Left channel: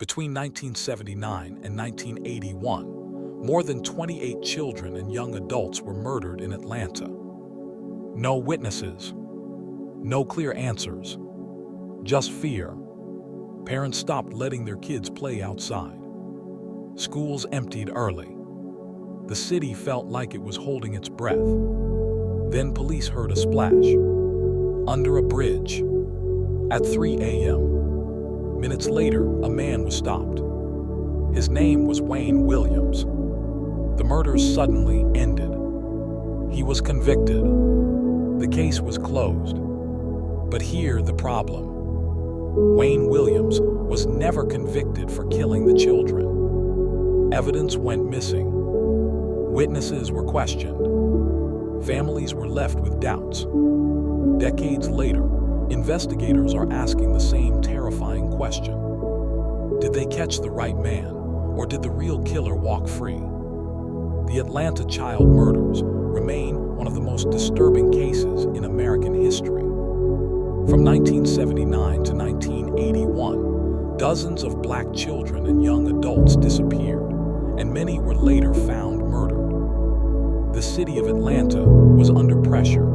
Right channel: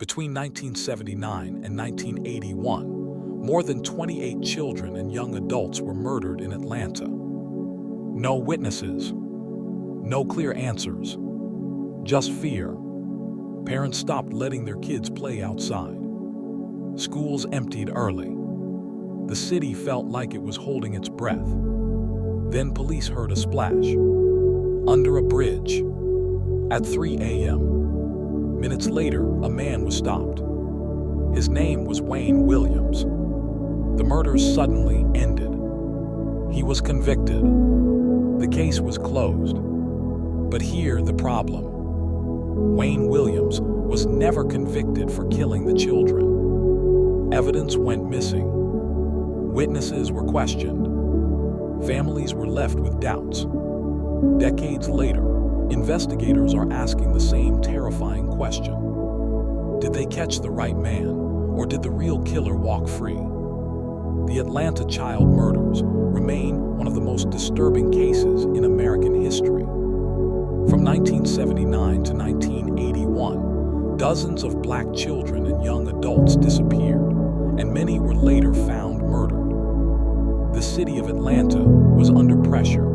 Between 1979 and 1981, more than 28 children and young adults were murdered in Atlanta. No witnesses, no clear answers, just fear. Parents stopped letting their kids play outside. Schools emptied early. The city felt like it was holding its breath. Then police heard a splash. Under a bridge. At 3 a.m. Minutes later, a man was stopped. His name was Wayne Williams. The murders suddenly ended. He was convicted. The case was closed. But here the problem. Wayne Williams was never convicted for killing the children. Evidence went missing. Witnesses were questioned. Families were left with doubts. Decades later, investigators are asking the same terrifying question. Did they catch the right man, or did the real killer walk free? The Atlanta child murders remain one of the most disturbing cases in American history. From 1979 to 1981, dozens of black children and young adults disappeared, and many were later found murdered. The city of Atlanta was under pressure.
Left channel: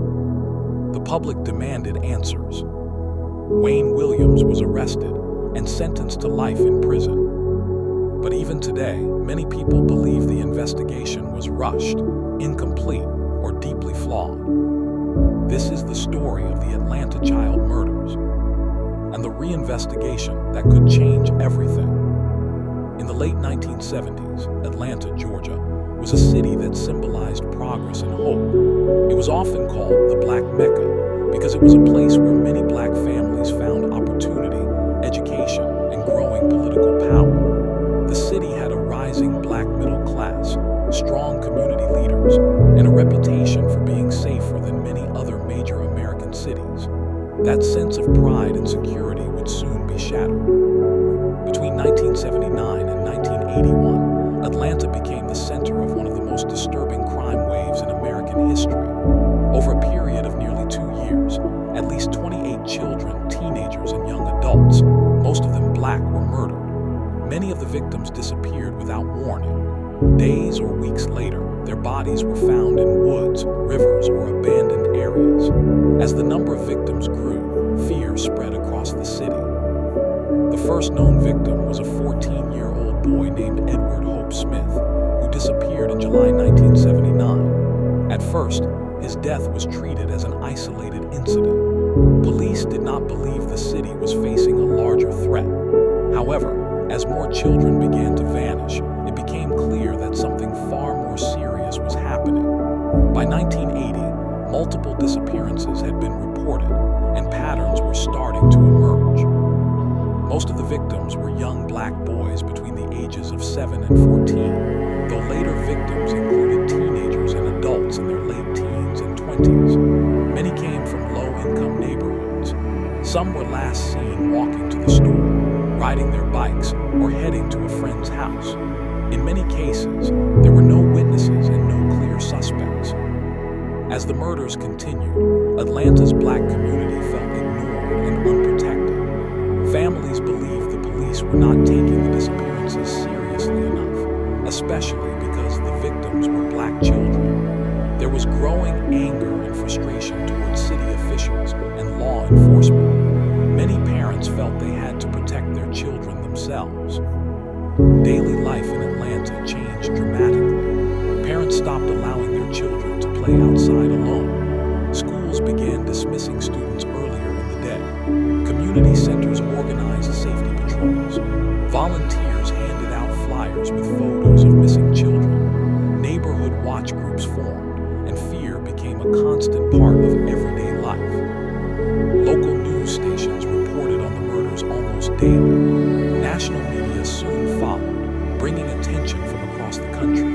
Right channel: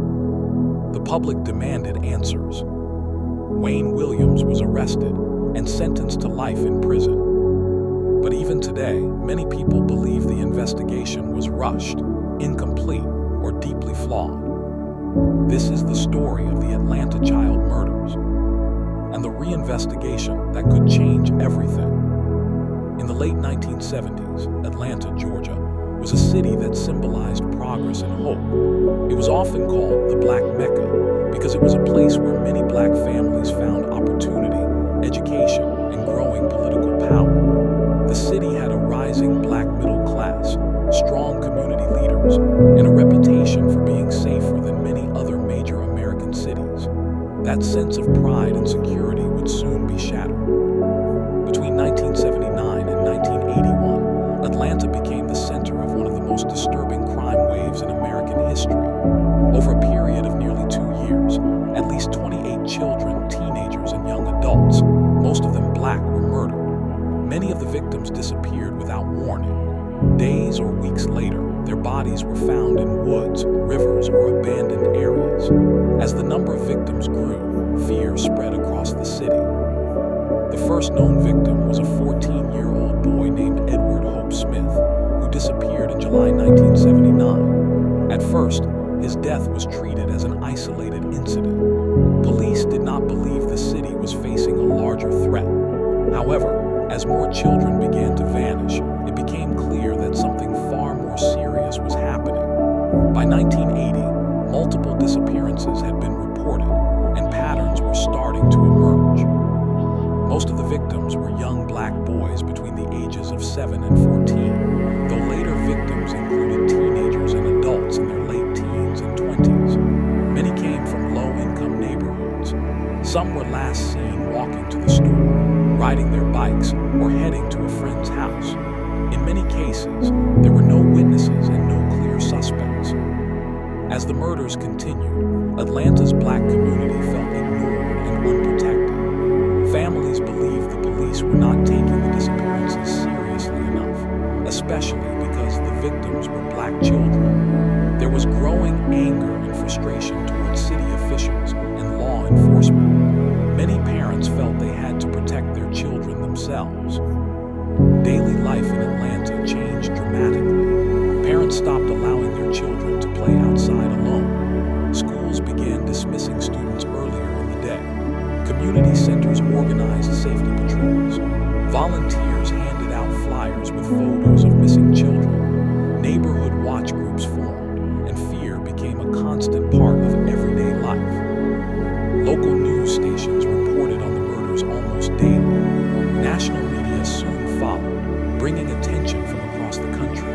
The public demanded answers. Wayne Williams was arrested and sentenced to life in prison. But even today, many people believe the investigation was rushed, incomplete, or deeply flawed. This is the story of the Atlanta child murders and the reinvestigation that could change everything. In the late 1970s, Atlanta, Georgia, was a city that symbolized progress and hope. It was often called the Black Mecca because it was a place where many black families found opportunity, education, and growing political power. The city had a rising black middle class, strong community leaders, and a reputation for being safer than many other major American cities. That sense of pride and security would soon be shattered. Between 1979 and 1981, Atlanta became the center of one of the most disturbing crime waves in American history. Over a period of nearly 2 years, at least 28 children, teenagers, and young adults, most of them black, were murdered. Many of the victims disappeared without warning. Days or weeks later, their bodies were found in woods, rivers, or abandoned areas. As the number of victims grew, fear spread across the city. The first known victim was a 14-year-old boy named Edward Hope Smith, who disappeared in July 1979. At first, his death was treated as an isolated incident. Police did not believe the city was facing a larger threat. However, as more children began to vanish, it became clear that something far more serious was happening. By 1980, multiple disappearances had been reported, and patterns were starting to emerge. Most of the victims were young black boys between the ages of 7 and 14, though later victims included teenagers and adults in their late teens and 20s. Many came from low-income neighborhoods. Some were last seen walking to the store, riding their bikes, or heading to a friend's house. In many cases, there were no witnesses and no clear suspects. As the murders continued, Atlanta's black community felt ignored and unprotected. Families believed the police were not taking the disappearances seriously enough, especially because the victims were black children. There was growing anger and frustration towards city officials and law enforcement. Many parents felt they had to protect their children themselves. Daily life in Atlanta changed dramatically. Parents stopped allowing their children to play outside alone. Schools began dismissing students earlier in the day. Community centers organized safety patrols. Volunteers handed out flyers with photos of missing children. Neighborhood watch groups formed, and fear became a constant part of everyday life. Local news stations reported on the murders almost daily. National media soon followed, bringing attention from across the country.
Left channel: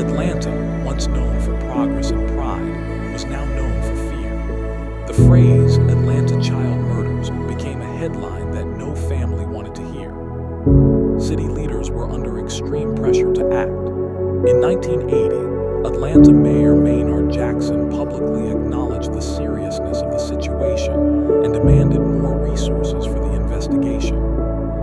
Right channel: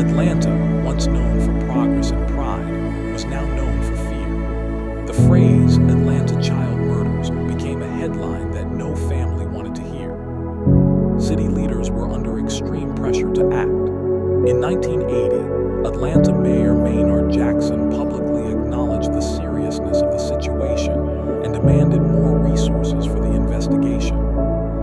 Atlanta, once known for progress and pride, was now known for fear. The phrase "Atlanta child murders" became a headline that no family wanted to hear. City leaders were under extreme pressure to act. In 1980, Atlanta Mayor Maynard Jackson publicly acknowledged the seriousness of the situation and demanded more resources for the investigation.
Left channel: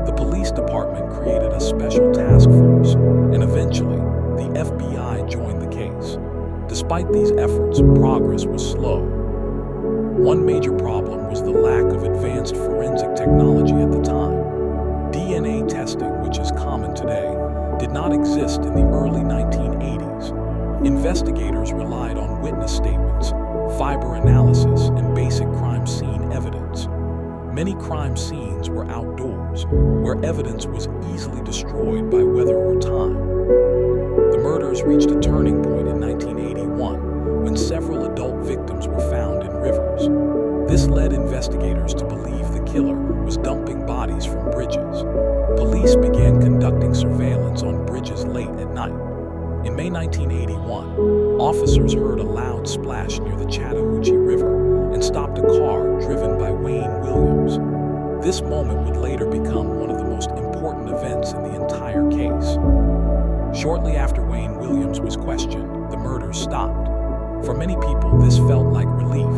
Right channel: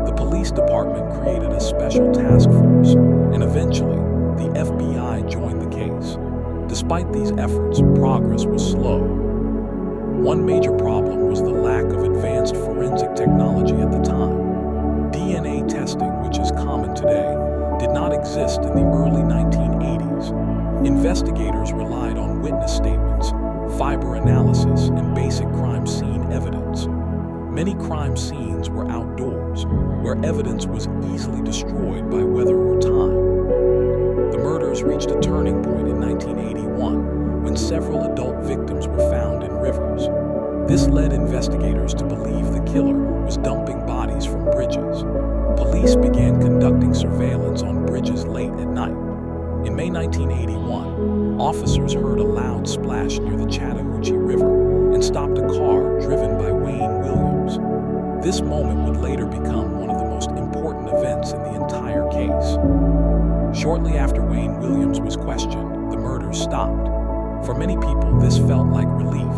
The police department created a special task force, and eventually, the FBI joined the case. Despite these efforts, progress was slow. One major problem was the lack of advanced forensic technology at the time. DNA testing, which is common today, did not exist in the early 1980s. Investigators relied on witness statements, fiber analysis, and basic crime scene evidence. Many crime scenes were outdoors, where evidence was easily destroyed by weather or time. The murders reached a turning point in 1981 when several adult victims were found in rivers. This led investigators to believe the killer was dumping bodies from bridges. Police began conducting surveillance on bridges late at night. In May 1981, officers heard a loud splash near the Chattahoochee River and stopped a car driven by Wayne Williams. This moment would later become one of the most important events in the entire case. Shortly after Wayne Williams was questioned, the murders stopped. For many people, this felt like relief.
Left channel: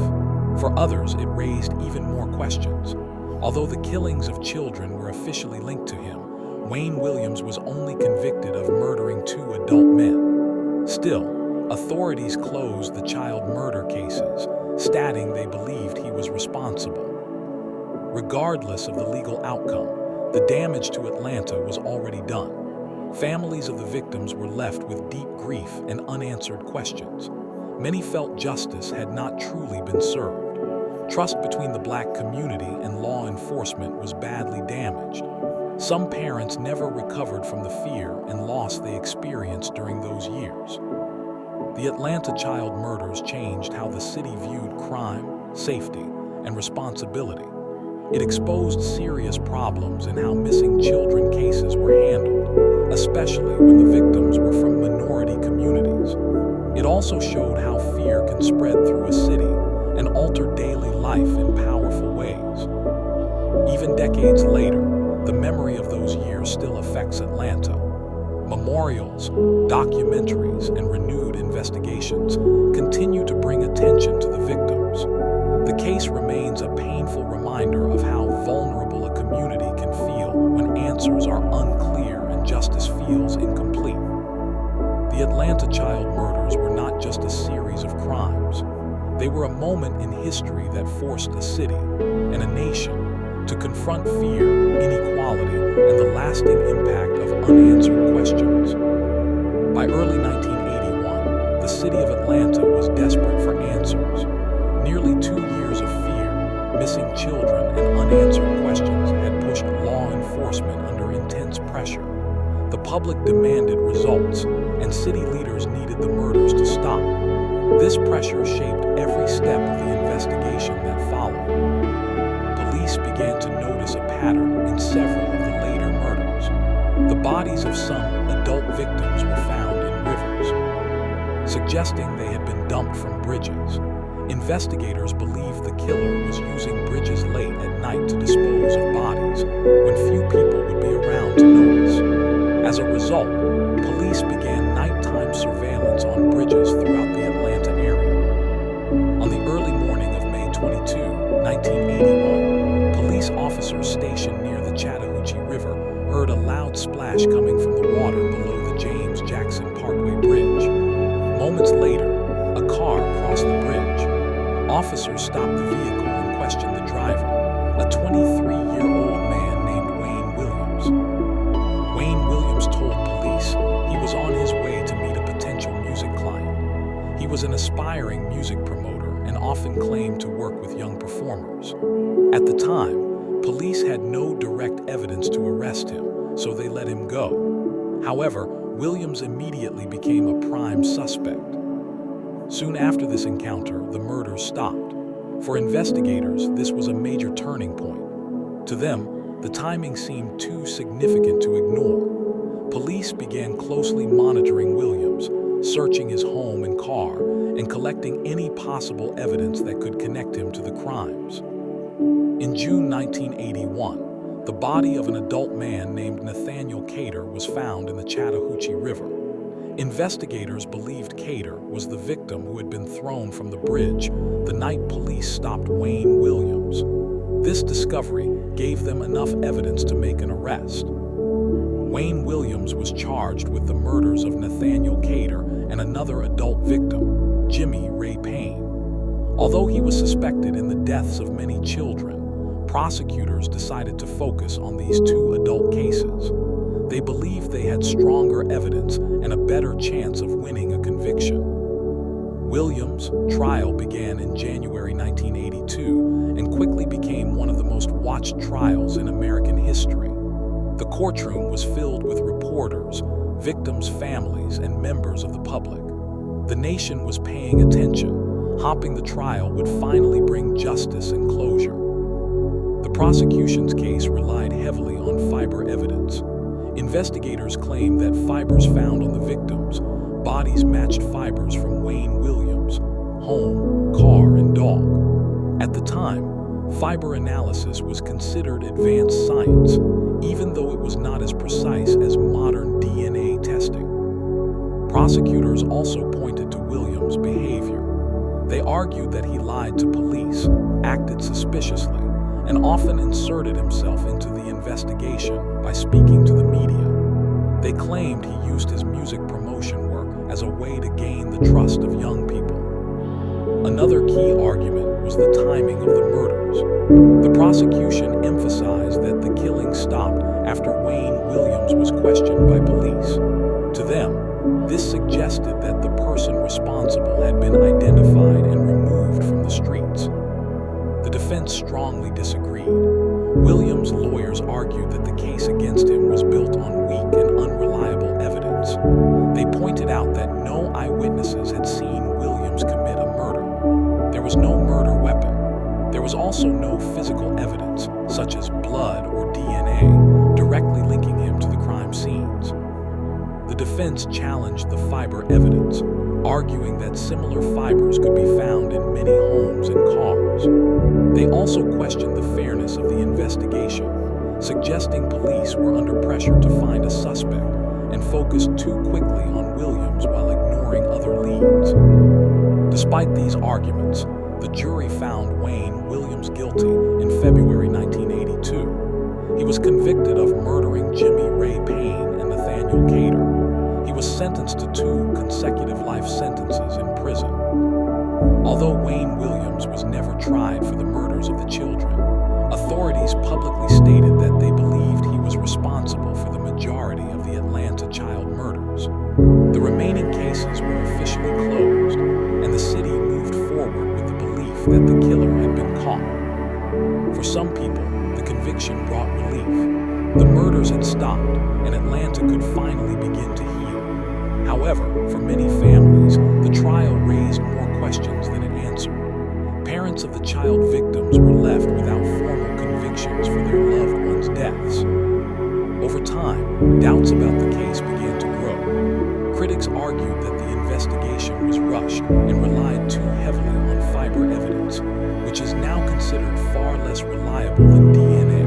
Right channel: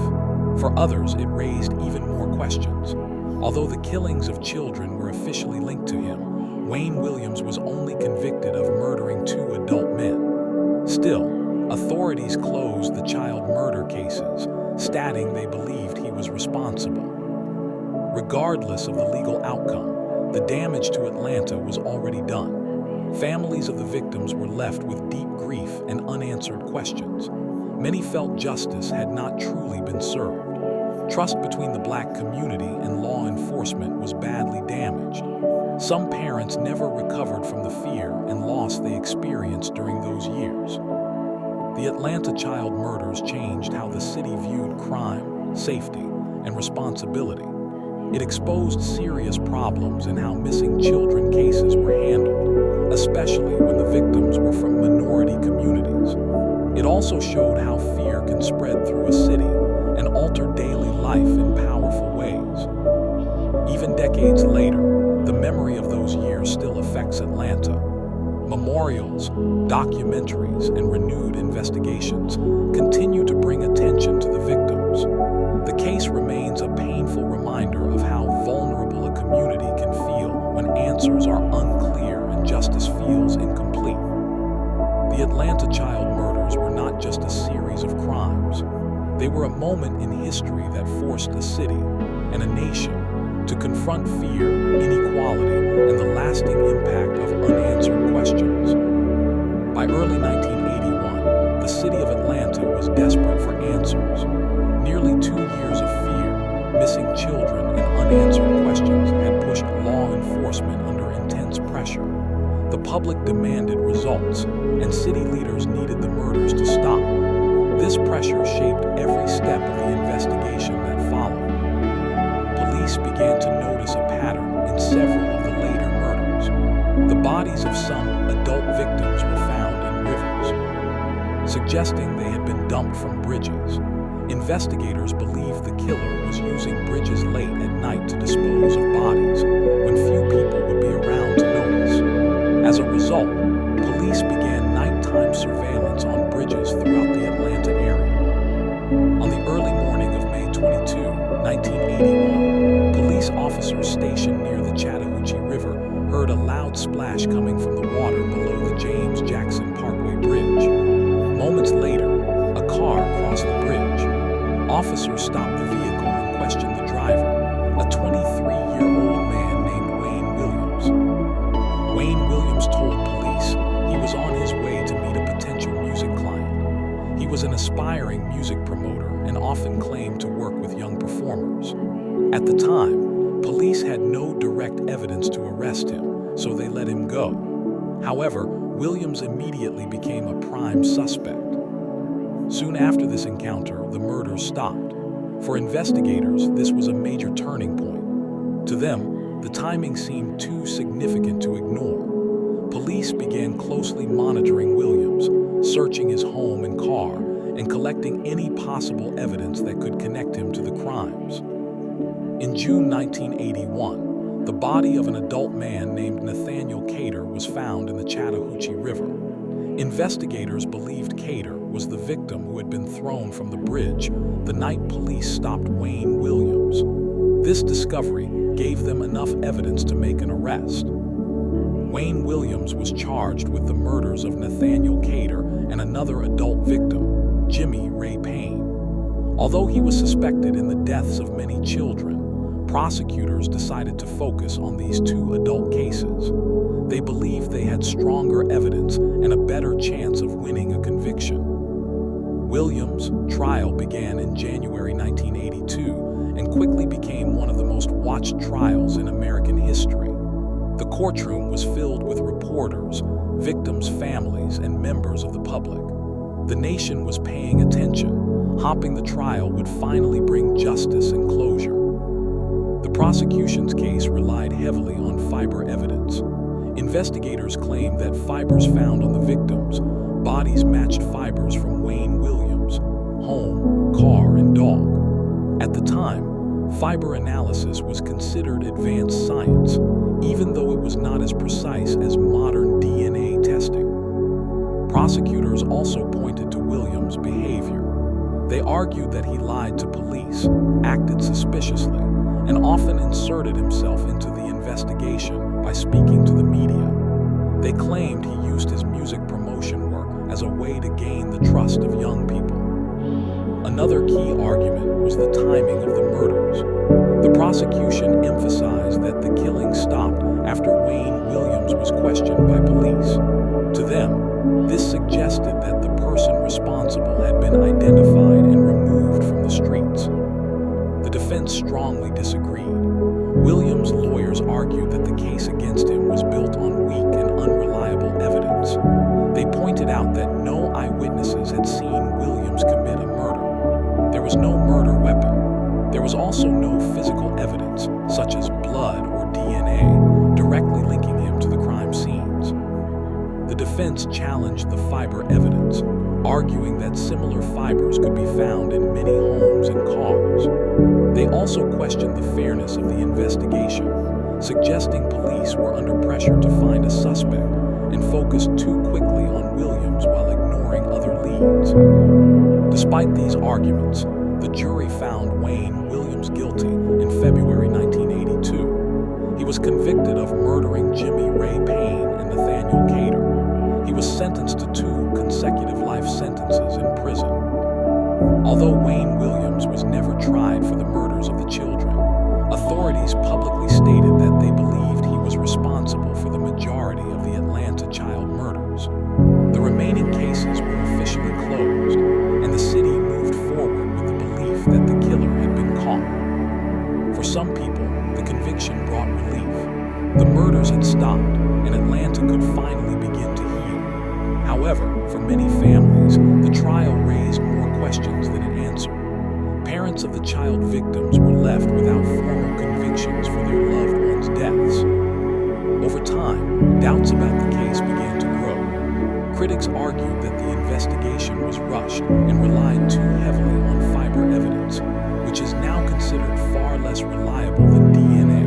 For others, it raised even more questions. Although the killings of children were officially linked to him, Wayne Williams was only convicted of murdering 2 adult men. Still, authorities closed the child murder cases, stating they believed he was responsible. Regardless of the legal outcome, the damage to Atlanta was already done. Families of the victims were left with deep grief and unanswered questions. Many felt justice had not truly been served. Trust between the Black community and law enforcement was badly damaged. Some parents never recovered from the fear and loss they experienced during those years. The Atlanta child murders changed how the city viewed crime, safety, and responsibility. It exposed serious problems in how missing children cases were handled, especially when the victims were from minority communities. It also showed how fear can spread through a city and alter daily life in powerful ways. Even decades later, the memory of those years still affects Atlanta. Memorials, documentaries, and renewed investigations continue to bring attention to the victims. The case remains a painful reminder of how vulnerable a community can feel when answers are unclear and justice feels incomplete. The Atlanta child murders were not just a series of crimes. They were a moment in history that forced a city and a nation to confront fear, inequality, and the lasting impact of unanswered questions. By early 1981, the city of Atlanta was desperate for answers. Nearly 2 years of fear, missing children, and unanswered questions had pushed law enforcement under intense pressure. The public demanded results, and city leaders needed the murders to stop. This pressure shaped every step of the investigation that followed. Police began to notice a pattern in several of the later murders. The bodies of some adult victims were found in rivers, suggesting they had been dumped from bridges. Investigators believed the killer was using bridges late at night to dispose of bodies, when few people would be around to notice. As a result, police began nighttime surveillance on bridges throughout the Atlanta area. On the early morning of May 22, 1981, police officers stationed near the Chattahoochee River heard a loud splash coming from the water below the James Jackson Parkway Bridge. Moments later, a car crossed the bridge. Officers stopped the vehicle and questioned the driver, a 23-year-old man named Wayne Williams. Wayne Williams told police he was on his way to meet a potential music client. He was an aspiring music promoter and often claimed to work with young performers. At the time, police had no direct evidence to arrest him, so they let him go. However, Williams immediately became a prime suspect. Soon after this encounter, the murders stopped. For investigators, this was a major turning point. To them, the timing seemed too significant to ignore. Police began closely monitoring Williams, searching his home and car, and collecting any possible evidence that could connect him to the crimes. In June 1981, the body of an adult man named Nathaniel Cater was found in the Chattahoochee River. Investigators believed Cater was the victim who had been thrown from the bridge the night police stopped Wayne Williams. This discovery gave them enough evidence to make an arrest. Wayne Williams was charged with the murders of Nathaniel Cater and another adult victim, Jimmy Ray Payne. Although he was suspected in the deaths of many children, prosecutors decided to focus on these two adult cases. They believed they had stronger evidence and a better chance of winning a conviction. Williams' trial began in January 1982 and quickly became one of the most watched trials in American history. The courtroom was filled with reporters, victims' families, and members of the public. The nation was paying attention, hoping the trial would finally bring justice and closure. The prosecution's case relied heavily on fiber evidence. Investigators claimed that fibers found on the victims' bodies matched fibers from Wayne Williams' home, car, and dog. At the time, fiber analysis was considered advanced science, even though it was not as precise as modern DNA testing. Prosecutors also pointed to Williams' behavior. They argued that he lied to police, acted suspiciously, and often inserted himself into the investigation by speaking to the media. They claimed he used his music promotion work as a way to gain the trust of young people. Another key argument was the timing of the murders. The prosecution emphasized that the killing stopped after Wayne Williams was questioned by police. To them, this suggested that the person responsible had been identified and removed from the streets. The defense strongly disagreed. Williams' lawyers argued that the case against him was built on weak and unreliable evidence. They pointed out that no eyewitnesses had seen Williams commit a murder. There was no murder weapon. There was also no physical evidence, such as blood or DNA, directly linking him to the crime scenes. The defense challenged the fiber evidence, arguing that similar fibers could be found in many homes and cars. They also questioned the fairness of the investigation, suggesting police were under pressure to find a suspect and focused too quickly on Williams while ignoring other leads. Despite these arguments, the jury found Wayne Williams guilty in February 1982. He was convicted of murdering Jimmy Ray Payne and Nathaniel Cater. He was sentenced to 2 consecutive life sentences in prison. Although Wayne Williams was never tried for the murders of the children, authorities publicly stated that they believed he was responsible for the majority of the Atlanta child murders. The remaining cases were officially closed, and the city moved forward with the belief that the killer had been caught. For some people, the conviction brought relief. The murders had stopped, and Atlanta could finally begin to heal. However, for many families, the trial raised more questions than it answered. Parents of the child victims were left without formal convictions for their loved ones' deaths. Over time, doubts about the case began to grow. Critics argued that the investigation was rushed and relied too heavily on fiber evidence, which is now considered far less reliable than DNA.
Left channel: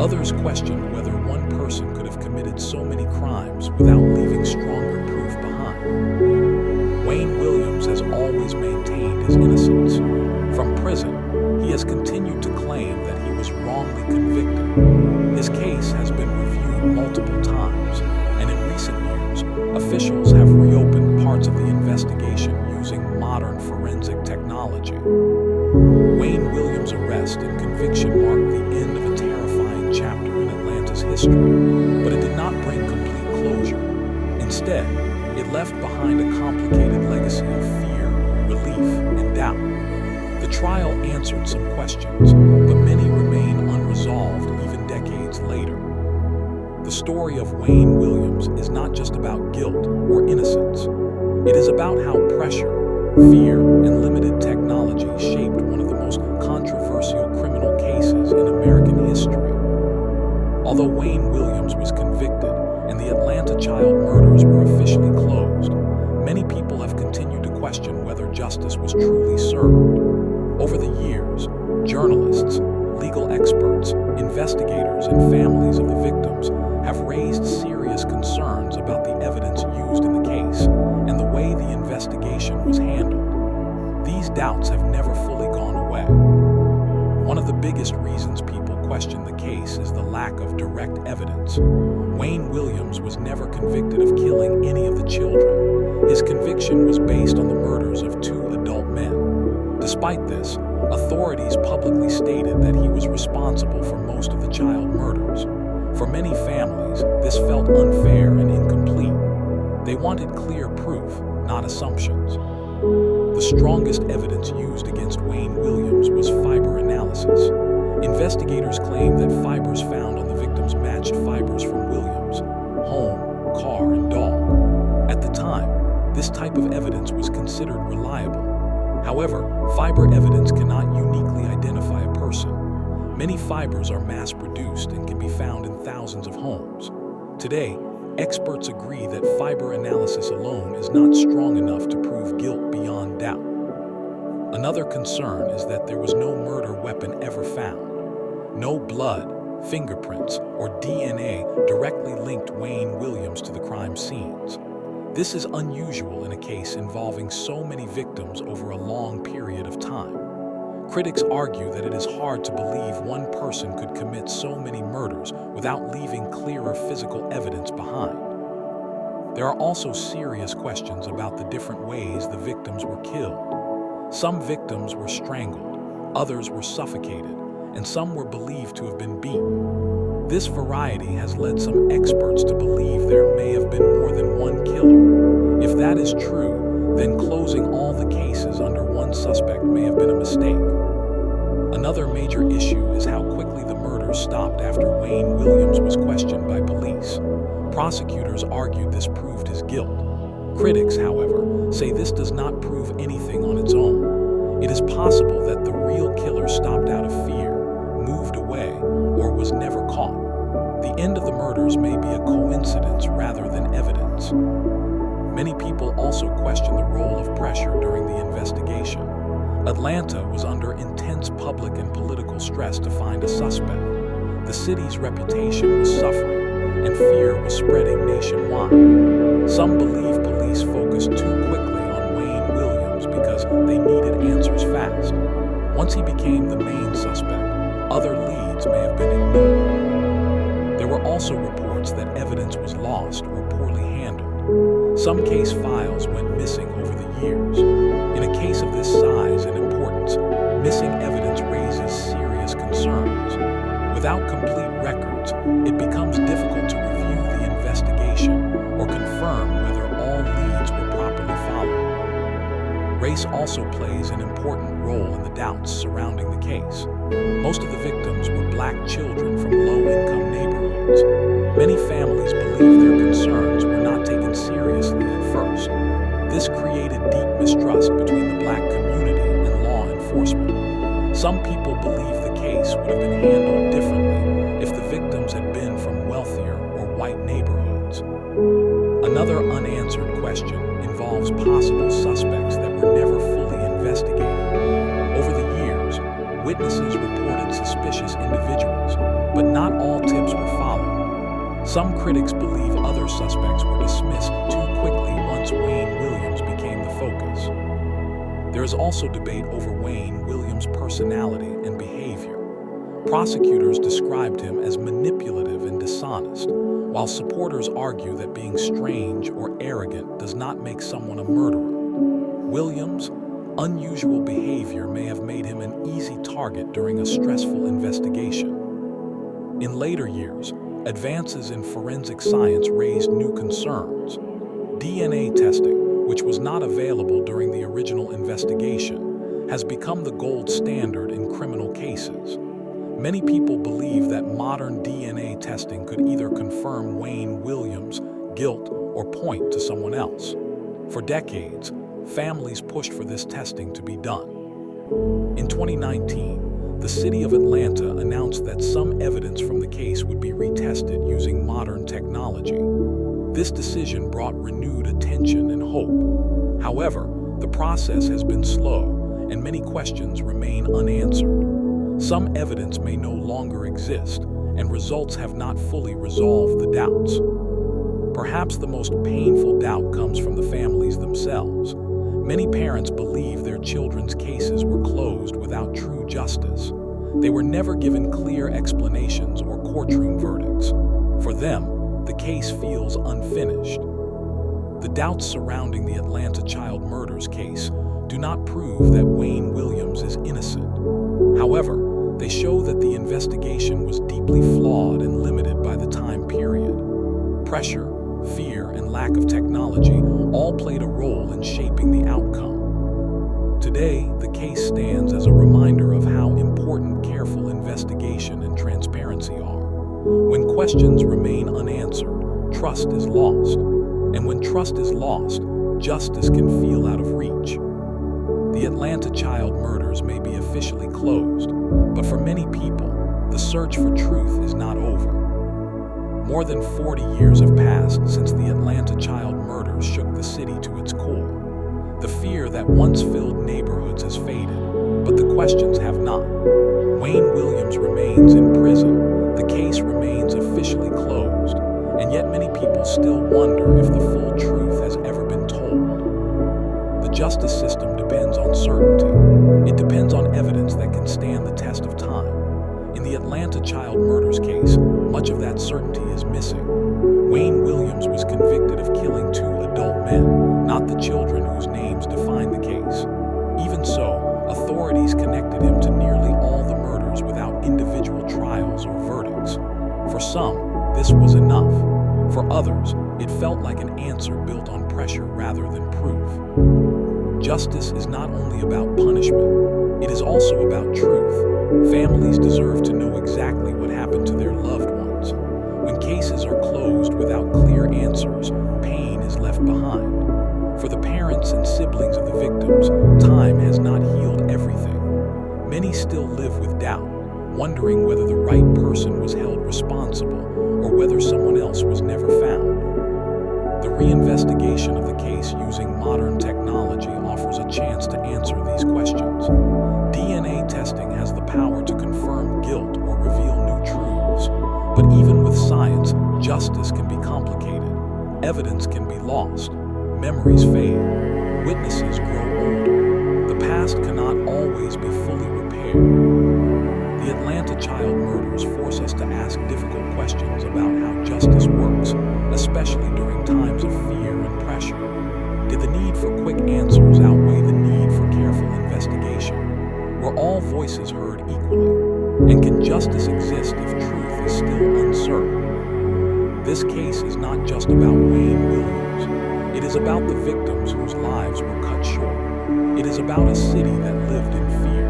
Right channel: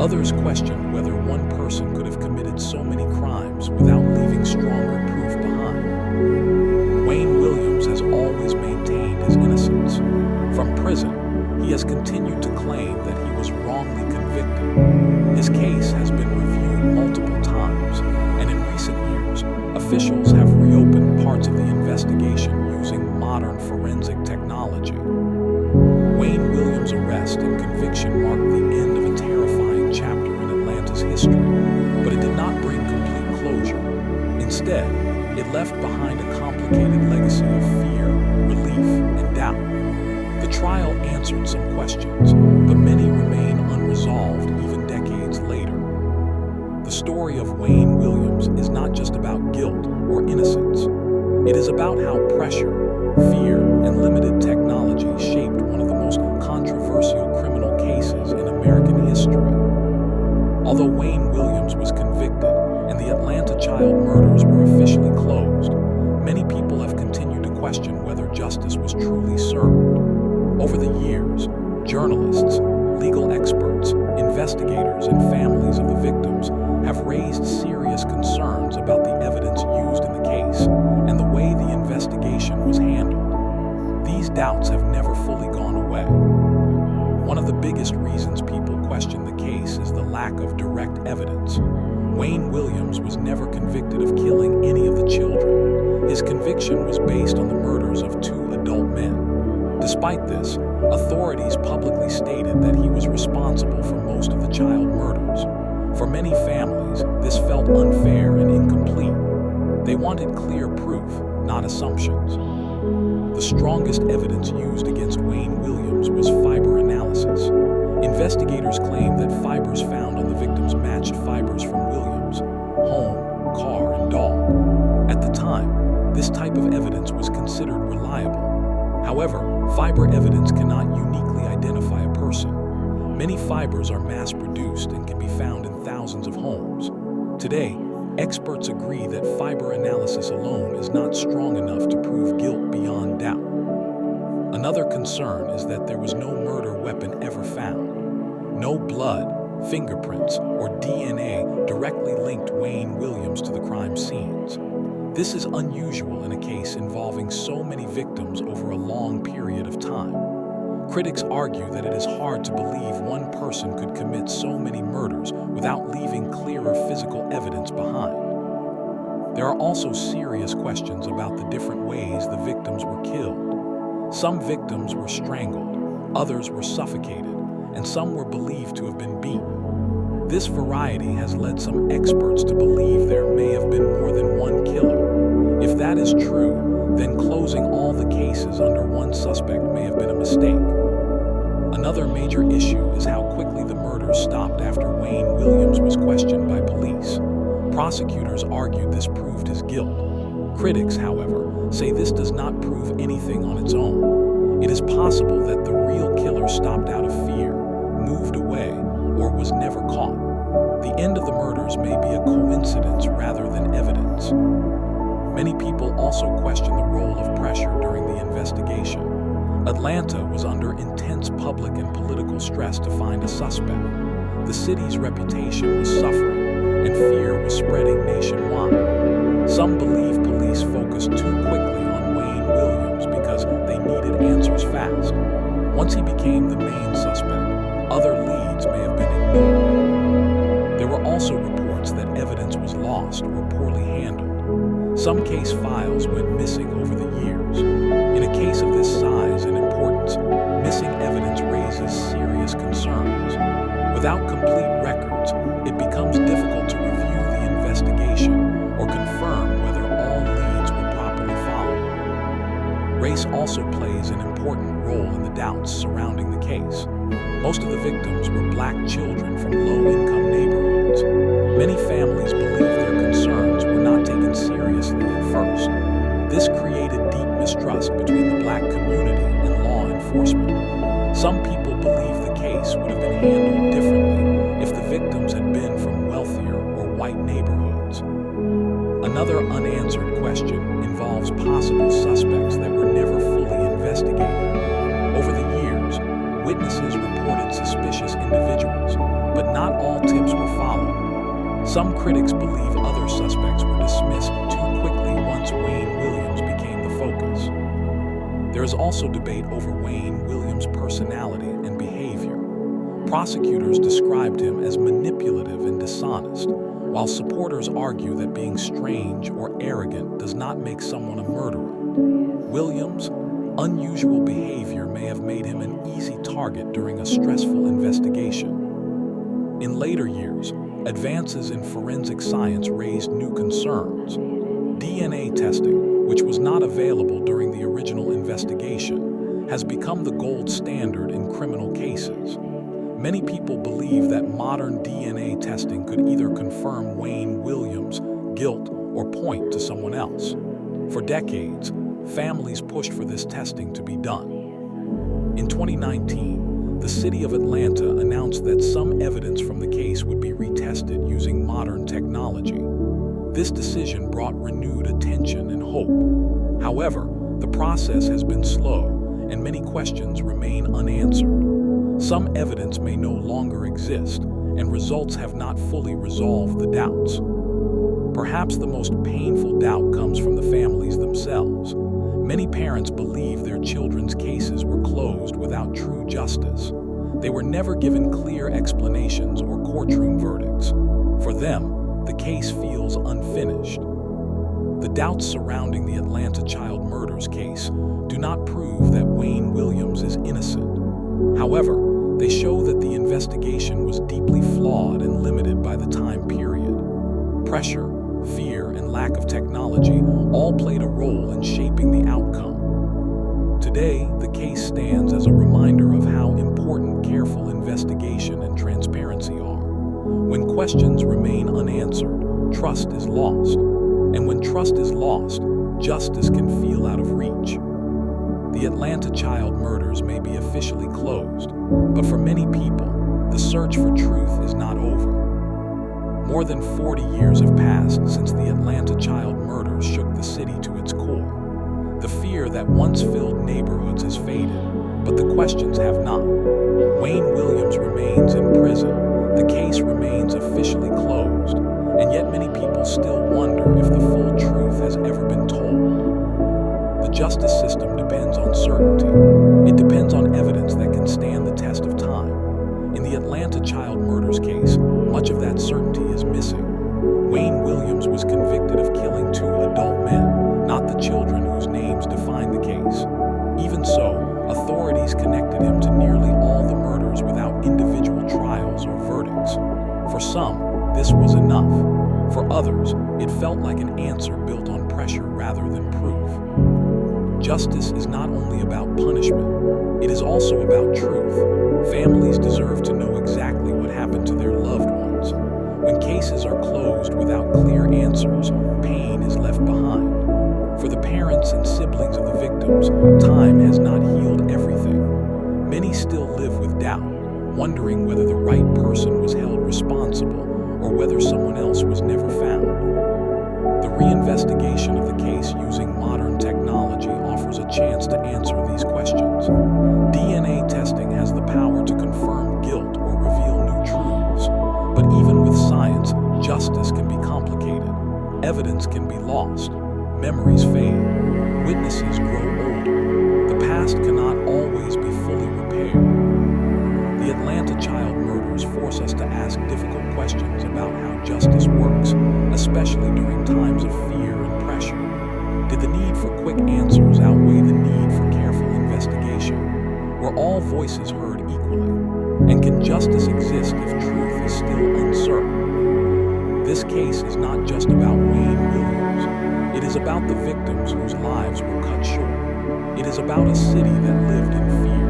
Others questioned whether one person could have committed so many crimes without leaving stronger proof behind. Wayne Williams has always maintained his innocence. From prison, he has continued to claim that he was wrongly convicted. His case has been reviewed multiple times, and in recent years, officials have reopened parts of the investigation using modern forensic technology. Wayne Williams' arrest and conviction marked the end of a terrifying chapter in Atlanta's history, but it did not bring complete closure. Instead, it left behind a complicated legacy of fear, relief, and doubt. The trial answered some questions, but many remain unresolved even decades later. The story of Wayne Williams is not just about guilt or innocence. It is about how pressure, fear, and limited technology shaped one of the most controversial criminal cases in American history. Although Wayne Williams was convicted and the Atlanta child murders were officially closed, many people have continued to question whether justice was truly served. Over the years, journalists, legal experts, investigators, and families of the victims have raised serious concerns about the evidence used in the case and the way the investigation was handled. These doubts have never fully gone away. One of the biggest reasons people question the case is the lack of direct evidence. Wayne Williams was never convicted of killing any of the children. His conviction was based on the murders of 2 adult men. Despite this, authorities publicly stated that he was responsible for most of the child murders. For many families, this felt unfair and incomplete. They wanted clear proof, not assumptions. The strongest evidence used against Wayne Williams was fiber analysis. Investigators claimed that fibers found on the victims matched fibers from Williams' home, car, and dog. At the time, this type of evidence was considered reliable. However, fiber evidence cannot uniquely identify a person. Many fibers are mass-produced and can be found in thousands of homes. Today, experts agree that fiber analysis alone is not strong enough to prove guilt beyond doubt. Another concern is that there was no murder weapon ever found. No blood, fingerprints, or DNA directly linked Wayne Williams to the crime scenes. This is unusual in a case involving so many victims over a long period of time. Critics argue that it is hard to believe one person could commit so many murders without leaving clearer physical evidence behind. There are also serious questions about the different ways the victims were killed. Some victims were strangled, others were suffocated, and some were believed to have been beaten. This variety has led some experts to believe there may have been more than one killer. If that is true, then closing all the cases under one suspect may have been a mistake. Another major issue is how quickly the murders stopped after Wayne Williams was questioned by police. Prosecutors argued this proved his guilt. Critics, however, say this does not prove anything on its own. It is possible that the real killer stopped out of fear, moved away, or was never caught. The end of the murders may be a coincidence rather than evidence. Many people also question the role of pressure during the investigation. Atlanta was under intense public and political stress to find a suspect. The city's reputation was suffering, and fear was spreading nationwide. Some believe police focused too quickly on Wayne Williams because they needed answers fast. Once he became the main suspect, other leads may have been ignored. There were also reports that evidence was lost or poorly handled. Some case files went missing over the years. In a case of this size and importance, missing evidence raises serious concerns. Without complete records, it becomes difficult to review the investigation or confirm whether all leads were properly followed. Race also plays an important role in the doubts surrounding the case. Most of the victims were black children from low-income neighborhoods. Many families believe their concerns were not taken seriously at first. This created deep mistrust between the black community and law enforcement. Some people believe the case would have been handled differently if the victims had been from wealthier or white neighborhoods. Another unanswered question involves possible suspects that were never fully investigated. Over the years, witnesses reported suspicious individuals, but not all tips were followed. Some critics believe other suspects were dismissed too quickly once Wayne Williams became the focus. There is also debate over Wayne Williams' personality and behavior. Prosecutors described him as manipulative and dishonest, while supporters argue that being strange or arrogant does not make someone a murderer. Williams' unusual behavior may have made him an easy target during a stressful investigation. In later years, advances in forensic science raised new concerns. DNA testing, which was not available during the original investigation, has become the gold standard in criminal cases. Many people believe that modern DNA testing could either confirm Wayne Williams' guilt or point to someone else. For decades, families pushed for this testing to be done. In 2019, the city of Atlanta announced that some evidence from the case would be retested using modern technology. This decision brought renewed attention and hope. However, the process has been slow, and many questions remain unanswered. Some evidence may no longer exist, and results have not fully resolved the doubts. Perhaps the most painful doubt comes from the families themselves. Many parents believe their children's cases were closed without true justice. They were never given clear explanations or courtroom verdicts. For them, the case feels unfinished. The doubts surrounding the Atlanta child murders case do not prove that Wayne Williams is innocent. However, they show that the investigation was deeply flawed and limited by the time period. Pressure, fear, and lack of technology all played a role in shaping the outcome. Today, the case stands as a reminder of how important careful investigation and transparency are. When questions remain unanswered, trust is lost. And when trust is lost, justice can feel out of reach. The Atlanta child murders may be officially closed, but for many people, the search for truth is not over. More than 40 years have passed since the Atlanta child murders shook the city to its core. The fear that once filled neighborhoods has faded, but the questions have not. Wayne Williams remains in prison. The case remains officially closed, and yet many people still wonder if the full truth has ever been told. The justice system depends on certainty. It depends on evidence that can stand the test of time. In the Atlanta child murders case, much of that certainty is missing. Wayne Williams was convicted of killing 2 adult men, not the children whose names define the case. Even so, authorities connected him to nearly all the murders without individual trials or verdicts. For some, this was enough. For others, it felt like an answer built on pressure rather than proof. Justice is not only about punishment, it is also about truth. Families deserve to know exactly what happened to their loved ones. When cases are closed without clear answers, pain is left behind. For the parents and siblings of the victims, time has not healed everything. Many still live with doubt, wondering whether the right person was held responsible or whether someone else was never found. The reinvestigation of the case using modern technology offers a chance to answer these questions. DNA testing has the power to confirm guilt or reveal new truths. But even with science, justice can be complicated. Evidence can be lost. Memories fade. Witnesses grow older. The past cannot always be fully repaired. The Atlanta child murders force us to ask difficult questions about how justice works, especially during times of fear and pressure. Did the need for quick answers outweigh the need for careful investigation? Were all voices heard equally? And can justice exist if truth is still uncertain? This case is not just about Wayne Williams. It is about the victims whose lives were cut short. It is about a city that lived in fear.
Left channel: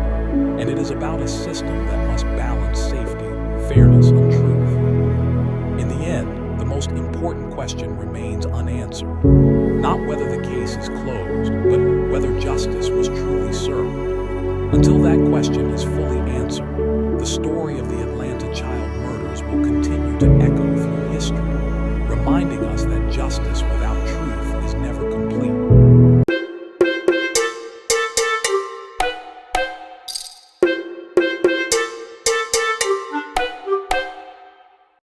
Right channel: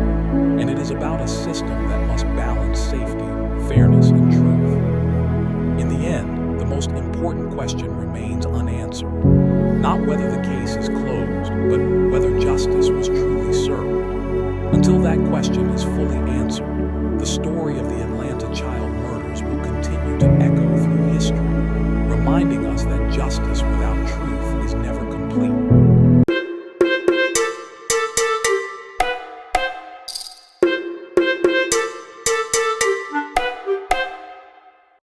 And it is about a system that must balance safety, fairness, and truth. In the end, the most important question remains unanswered. Not whether the case is closed, but whether justice was truly served. Until that question is fully answered, the story of the Atlanta child murders will continue to echo through history, reminding us that justice without truth